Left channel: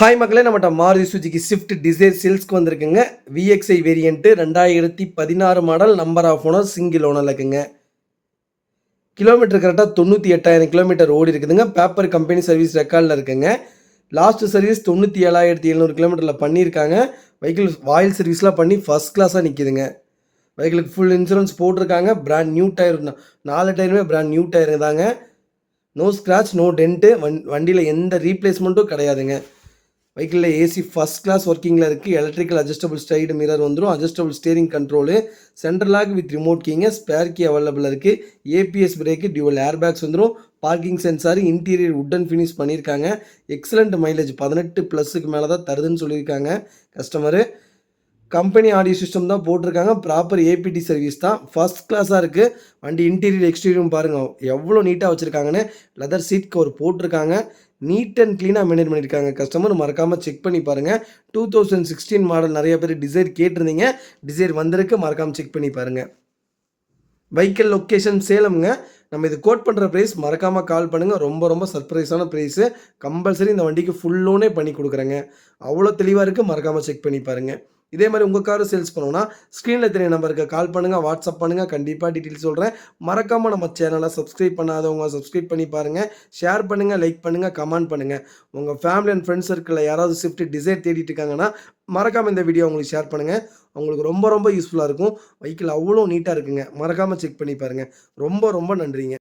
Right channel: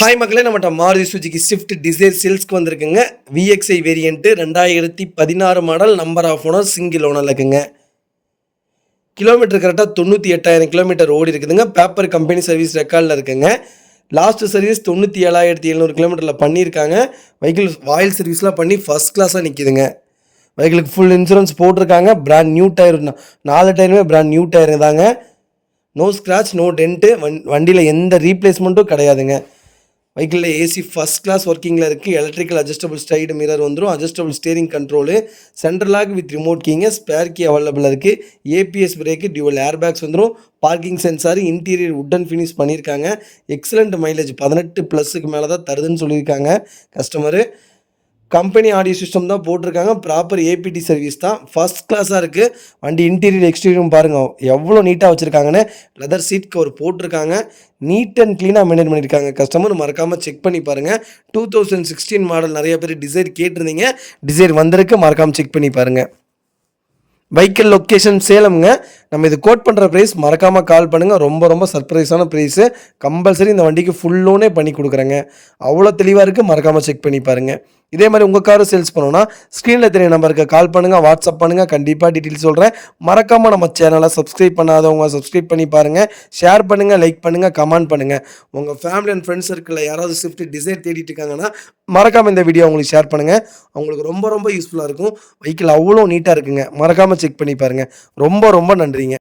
Hi மக்களே, நம்மகிட்ட Maruti Suzuki Swift Dzire சேல்ஸ்க்கு வந்திருக்குங்க. VXI variant 2016 model, number of owner, single ஓனரில் இருக்குங்க. கிலோமீட்டர் கரெக்டாக 98,000 கிலோமீட்டர் ஓடி இருக்குதுங்க. பேப்பர் கம்பெனி சர்வீஸ் ரெக்கார்டில் இருக்குங்க. லாஸ்ட் சர்வீஸ் 97,700 கிலோமீட்டரில் பண்ணியிருக்காங்க. வெஹிக்கிள் ஆயில் சர்வீஸ்லாம் பண்ணி ஃபஸ்ட் கிளாஸாக நிற்கிதுங்க. வெஹிக்கிளுக்கு ஃபுல் இன்சூரன்ஸ் போட்டிருக்காங்க. பிராண்ட் நியூ டயர், 4 டயருமே பிராண்ட் நியூ டயரு தாங்க. No scratch, no dent. வண்டியில் எந்த ரீப்ளேஸ்மெண்ட்டும் கிடையாதுங்க. வெஹிக்கிளில் ஏசி ஃபஸ்ட் கிளாஸ் ஒர்க்கிங்கில் இருக்குது. எலக்ட்ரிக்கல் அட்ஜஸ்டபிள் சைடு மிரர் வந்துடும். Adjustable steering control, central lock with remote கீங்க, ஸ்பேர் கீ அவைலபிள் இருக்குது. ABS brake, dual air bags வந்துடும். Parking sensor, interior wooden finish பண்ணியிருக்காங்க. எக்ஸலண்ட் மைலேஜ் 18+ மேலே தான் தருதுன்னு சொல்லியிருக்காங்க கஸ்டமரு. கம்பெனி ஆடியோ சிஸ்டம் தான் போட்டிருக்காங்க. ப்ராப்பர் ஏபிடி சர்வீஸ் தான். ஃபஸ்ட் கிளாஸாக இருக்குது. வண்டி இன்டீரியர் எக்ஸ்டீரியரும் பாருங்கள் எவ்வளோ நீட்டாக வச்சுருக்காங்கன்னு. லெதர் சீட் கவர் போட்டிருக்காங்க. நீட் அண்ட் க்ளீனாக மெயின்டைன் பண்ணியிருக்காங்க. கஸ்டமர் மறக்காமல் செக் பண்ணி பாருங்கள். 2016 மாடல் நிறைய பேர் டிசைர் கேட்டிருந்தீங்க. டிசைர் வந்திருக்கு, மறக்காமல் செக் பண்ணி பாருங்கள். வெஹிக்கிள் லொக்கேஷன் சேலம்ங்க. நம்ம இது கோட் பண்ணுற ப்ரைஸ் மறக்காமல் கால் பண்ணுங்கள். ரொம்ப சர்ப்ரைஸான ப்ரைஸு. கம்பல்சரி இந்த வண்டிக்கு ஃபுல் லோனே பண்ணி கொடுக்குறேங்க. அவ்வளோ தெளிவாக இருக்குது, மறக்காமல் செக் பண்ணி பாருங்கள். இதே மாதிரி உங்கள் காரை சேல்ஸ் பண்ணணும்னா ஸ்க்ரீனில் தெரிய நம்பருக்கு கால் பண்ணுங்கள், வாட்ஸ்அப் பண்ணுங்கள். கண்டிப்பாக டீட்டெயில்ஸ் சொல்கிறேன். மறக்காமல் நம்ம சேனலை சப்ஸ்கிரைப் பண்ணாதவங்க சப்ஸ்கிரைப் பண்ணி பாருங்கள். ஷேர் பண்ணுங்கள், லைக் பண்ணுங்கள், கமெண்ட் பண்ணுங்கள். உங்கள் ஃபேமிலி அண்ட் ஃப்ரெண்ட்ஸ் சர்க்கிளில் யாராவது ஸ்விஃப்ட் டிசைர் தேடிட்டு இருக்காங்கன்னா மறக்காமல் இந்த வீடியோ உங்களுக்கு ஷேர் பண்ணுங்கள். அவங்களுக்கு ரொம்ப யூஸ்ஃபுல்லாக இருக்கும். வெஹிக்கிள் அவ்வளோ நீட்டாக இருக்குங்க. மறக்காமல் செக் பண்ணி பாருங்கள். ரொம்ப நன்றிங்க.